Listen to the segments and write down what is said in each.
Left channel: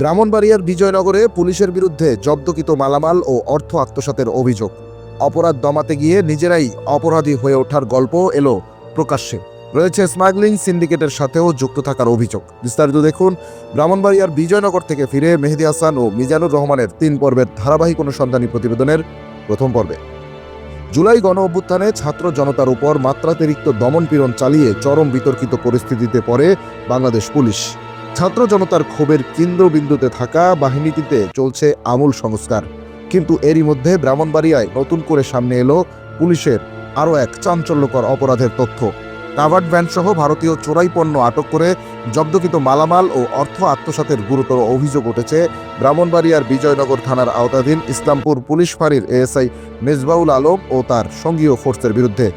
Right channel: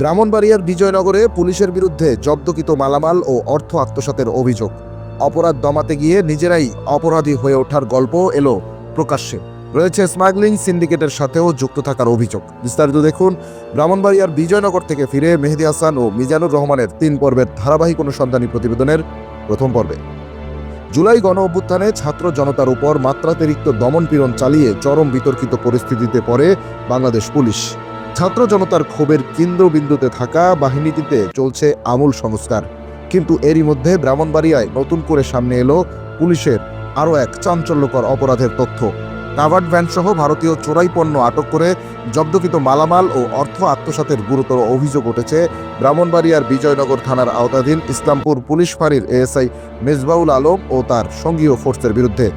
ব্রাহ্মণবাড়িয়ার বিজয়নগরে পুলিশের বিরুদ্ধে জব্দকৃত মালামাল ও অর্থ আত্মসাতের অভিযোগ। অপরাধ দমাতে গিয়ে নিজেরাই অপরাধী হয়ে ওঠার গল্প এলো প্রকাশ্যে। রয়েছে স্মাগলিং সিন্ডিকেটের সাথেও যুক্ত থাকার অভিযোগ। বিস্তারিত দেখুন ব্রাহ্মণবাড়িয়ার বিজয়নগর থেকে ফিরে মেহেদী হাসান ও মিজানুর রহমানের ৩ পর্বের ধারাবাহিক অনুসন্ধানী প্রতিবেদনের প্রথম পর্বে। জুলাই গণ অভ্যুত্থানে ছাত্র জনতার উপর মাত্রাতিরিক্ত দমনপীড়ন চালিয়ে চরম বিতর্কিত পরিস্থিতিতে পড়ে বাংলাদেশ পুলিশ। ছাত্র জনতার ক্ষোভের কেন্দ্রবিন্দুতে থাকা বাহিনীটিতে চলছে আমূল সংস্কার। কিন্তু এরই মধ্যে ব্রাহ্মণবাড়িয়ায় নতুন করে সামনে এলো পুলিশের আরও এক চাঞ্চল্যকর অপরাধের তথ্য। কাভার্ড ভ্যান সহ ভারতীয় চোরাই পণ্য আটক করে জব্দকৃত মালামাল ও অর্থ আত্মসাতের গুরুতর অভিযোগ উঠেছে ব্রাহ্মণবাড়িয়ার বিজয়নগর থানার আওতাধীন ইসলামপুর পুলিশ ফাঁড়ির এএসআই মেজবাউল আলম ও তার সঙ্গীয় ফোর্সের বিরুদ্ধে।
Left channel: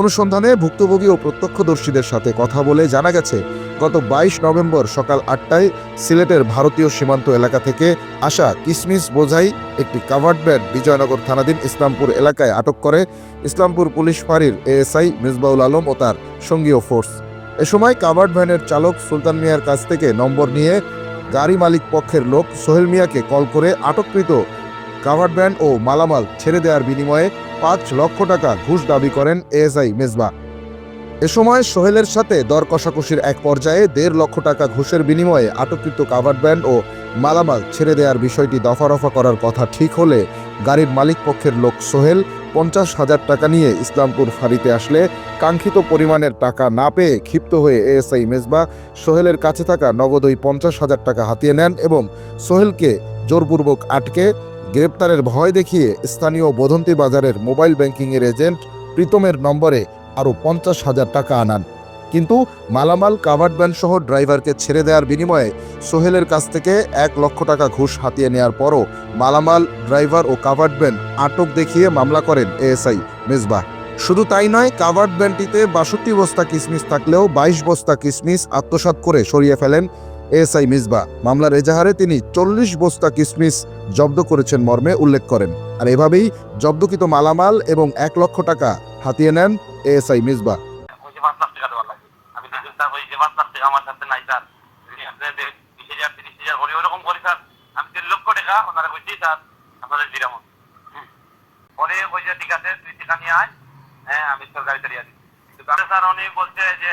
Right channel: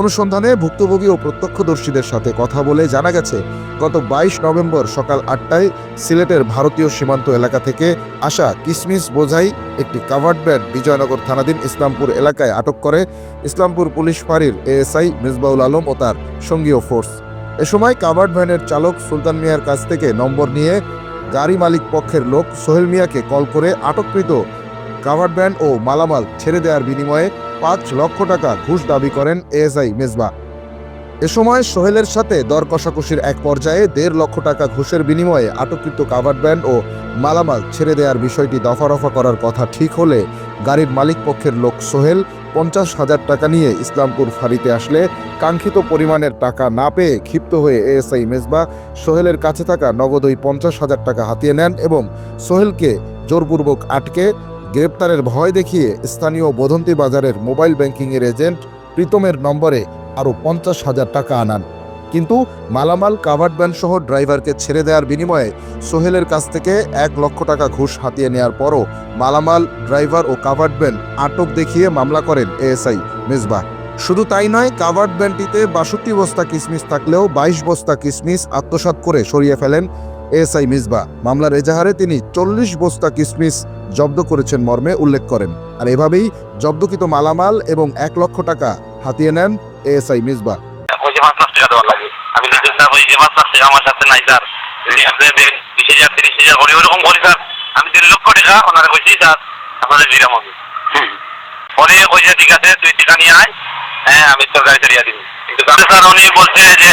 অনুসন্ধানে ভুক্তভোগী ও প্রত্যক্ষদর্শীদের সাথে কথা বলে জানা গেছে, গত ২২ নভেম্বর সকাল ৮টায় সিলেটের ভারতীয় সীমান্ত এলাকা থেকে আসা কিসমিস বোঝাই একটি কাভার্ড ভ্যান বিজয়নগর থানাধীন ইসলামপুর এলাকায় আটক করে ইসলামপুর পুলিশ ফাঁড়ির এএসআই মেজবাউল আলম ও তার সঙ্গীয় ফোর্স। এ সময় কাভার্ড ভ্যানের চালক সুলতান মিয়ার কাছ থেকে নম্বর নিয়ে গাড়ি মালিক পক্ষের লোক সোহেল মিয়াকে কল করে আটককৃত কাভার্ড ভ্যান ও মালামাল ছেড়ে দেওয়ার বিনিময়ে ৫ লক্ষ টাকা ঘুষ দাবি করেন এএসআই মেজবা। এ সময় সোহেলের সাথে দর কষাকষির এক পর্যায়ে ১.৫ লক্ষ টাকা ঘুষের বিনিময়ে আটককৃত কাভার্ড ভ্যান ও মালামাল ছেড়ে দেওয়ার বিষয়টি দফারফা করার কথা ঠিক হলে গাড়ির মালিক পক্ষের লোক সোহেল ৫০,০০০ টাকা নিয়ে ইসলামপুর ফাঁড়িতে আসলে কাঙ্ক্ষিত পরিমাণের টাকা না পেয়ে ক্ষিপ্ত হয়ে এএসআই মেজবা সোহেলের কাছে থাকা নগদ ওই ৫০,০০০ টাকা হাতিয়ে নেন এবং সোহেলকে জোরপূর্বক আটকে গ্রেপ্তারের ভয় দেখিয়ে স্থানীয় বদন্তি বাজারের মোবাইল ব্যাংকিংয়ের এজেন্ট প্রীতমের নম্বরে আরও ৫০,০০০ টাকা আনান। কিন্তু মালামাল কাভার্ড ভ্যান সহ ড্রাইভারকে ছেড়ে দেওয়ার বিনিময়ে সোহেলের কাছ থেকে ১ লক্ষ টাকা ঘুষ হাতিয়ে নেওয়ার পরও মালামাল, ড্রাইভার ও কাভার্ড ভ্যান আটক দেখিয়ে মামলা করেন এএসআই মেজবা। শুধু তাই নয়, কাভার্ড ভ্যানটিতে ৬২ বস্তা কিসমিস থাকলেও ২২ বস্তা কিসমিস আত্মসাৎ করে সরিয়ে ফেলেন এএসআই মেজবা। মামলার এজাহারে তিনি ৪০ বস্তা কিসমিস জব্দ করেছেন মর্মে উল্লেখ করেন। আর এভাবেই জব্দকৃত মালামাল এবং ১ লক্ষ টাকা হাতিয়ে নেন এএসআই মেজবা। আমি আমার সাথে নাই স্যার, ২০,০০০ ৩০,০০০ করে ওরকম করি স্যার। আমি ১.৫ লক্ষ টাকা ওনারা কইছি স্যার আপনাদের দিলাম আমি। পরে কইছে ঠিক আছে তুই টাকা নিয়ে আয়, হ্যাঁ আমি তোর গাড়ি চালিয়ে দিবি। কিন্তু স্যার উনি বলছে যে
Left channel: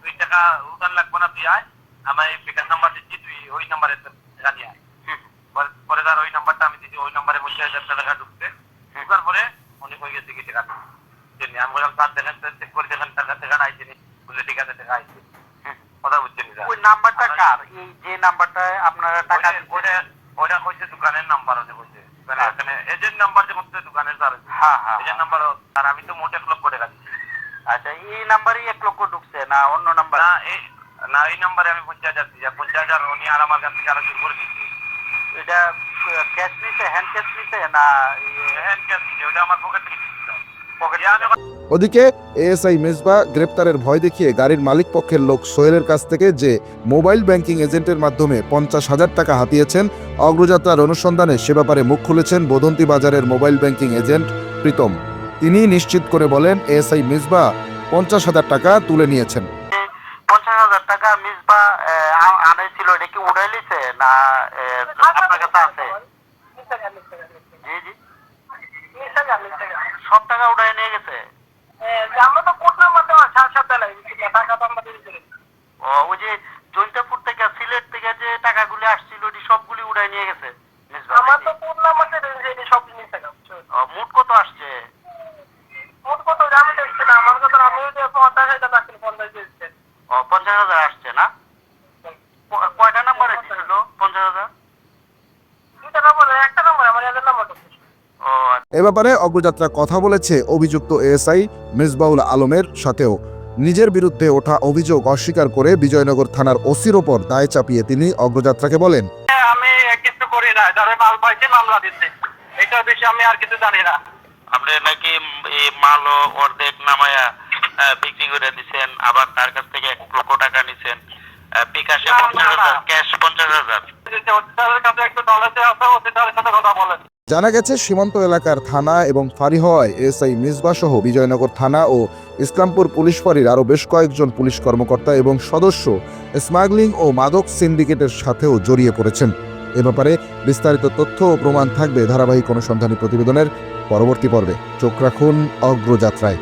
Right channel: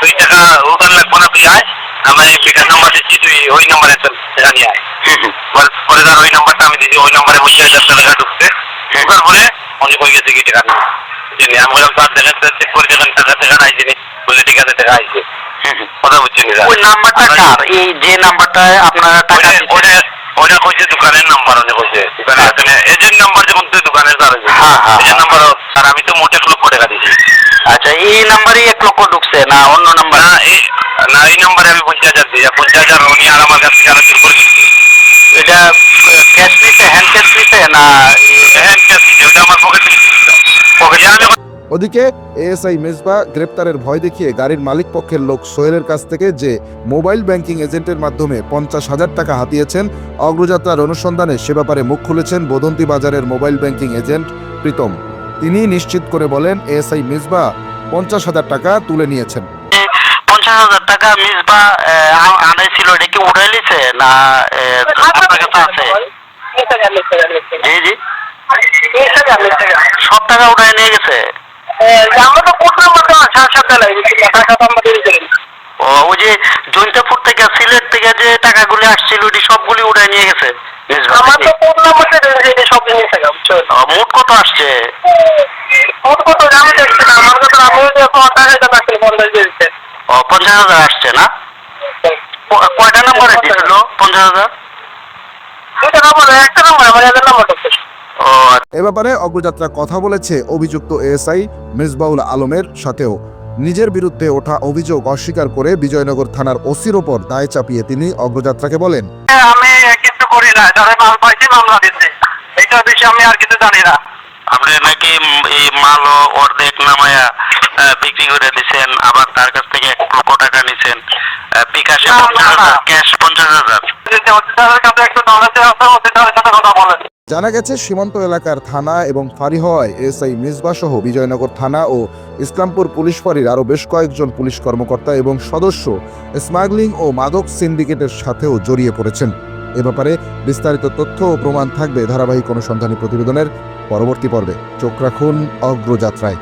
তুই টাকা ওখানে লাগবো না, তুই আয়, আমি বিকাশ নাম্বার দিচ্ছি, তুই ওই নাম্বারে টাকা নিয়ে আয়। পরে স্যার ওই নাম্বারটা আমি দিচ্ছি, ওই নাম্বারে ২৫,০০০ টাকা ঢুকছে। ঢুকার পরে উনি কই গেছে কি টাকা নিয়ে। আমি বললাম স্যার দেখেন চেক করে দেখেন টাকা নাই যিনি, বললে ঠিক আছে টাকা আইছে। কথা বুঝছেন ওই নাম্বারটা কার? এই যে নাম্বারটায় আপনারা টাকা ওটা কইছে দোকানের নাম্বার, উনি কইছে দোকানের আসলে এজেন্ট নাম্বার যখন তুই দোকানের স্যার এজেন্ট নাম্বার। আর আমি তো মোট ১ লক্ষ টাকা দিয়েছি। আচ্ছা, এই নাম্বারে ১ লক্ষ ঢুকছে না অন্য নাম্বার? না এই নাম্বারে আমি ৫০,০০০ দিয়েছি। ৫০,০০০ উনি আর আমার কাছ থেকে আরো চুরি করে দিচ্ছি। এটা ক্যাশ নিতে, হ্যান্ড ক্যাশ নিতে না হ্যান্ড ক্যাশ দিচ্ছে, ওটা আমার পকেটে দিচ্ছি। ওদিকে এএসআই মেজবা গ্রেপ্তারের ভয় দেখিয়ে গাড়ির মালিক পক্ষের লোক সোহেলের কাছ থেকে যে মোবাইল ব্যাংকিং এজেন্টের মাধ্যমে ৫০,০০০ টাকা হাতিয়েছেন, অগ্রযাত্রার অনুসন্ধানে সে ব্যাপারে মুখ খুলেছেন বদন্তি বাজারের মোবাইল ব্যাংকিং এজেন্ট প্রীতম। তিনি নিশ্চিত করে বলেন এএসআই মেজবা ৫০,০০০ টাকা তুলে নিয়েছেন। ৫০,০০০ টাকা মিসবা আনাইছিল, এটা কি উঠাই লিছে না আপনার কাছে আছে? জি জি, সব টাকা উঠাই নিয়ে গেছে। ওই যে জৈন্তাপুর থেকে সিলেট থেকে যে টাকাগুলি আসছিল ওটি সবগুলি উঠাই নিয়ে গেছে। মোট কত আসছে? মোট কত জানি দেখছি না, আমার কাছে আমি ৫০,০০০ আসছে না? কয়টা নাম্বারে দিছিল ৫০,০০০? একটা নাম্বার আমার এদের নাম্বার ঢুকছে। এ ব্যাপারে অগ্রযাত্রা কথা বলেছে অভিযুক্ত এএসআই মেজবাউল আলমের সাথেও। নিজের বিরুদ্ধে ওঠা অভিযোগ অস্বীকার করে বিজয়নগর থানার ওসির ওপর দায় চাপিয়ে তিনি অগ্রযাত্রাকে বলেন, আমি কিছু করি না, যারা মাল পাইছি মামলা দিচ্ছে, এইটার বিষয়ে আমি আর কিছু জানি না। আপনি নাকি এই মাল অর্ধেক নামায়া বিক্রি করে দিচ্ছেন, আবার তার কাছ থেকে ১ লক্ষ টাকা নিচ্ছেন, বিকাশে ৫০,০০০, ক্যাশ ৫০,০০০। কাছে একটু নলেজ আছে, কথা বলেন। জানা গেছে সীমান্ত এলাকার থানা এবং ফাঁড়ি হওয়ায় এসআই মিসবাহ সহ বিজয়নগর থানা ও ইসলামপুর পুলিশ ফাঁড়ির আরও বেশ কয়েকজন পুলিশ কর্মকর্তা এবং সদস্য স্মাগলিং ও মাদক সিন্ডিকেটের সাথেও জড়িয়ে পড়েছেন। এ ব্যাপারে বিস্তারিত তথ্য ও প্রমাণ থাকবে ধারাবাহিক অনুসন্ধানী প্রতিবেদনের পরবর্তী পর্বে। চোখ রাখুন অগ্রযাত্রায়।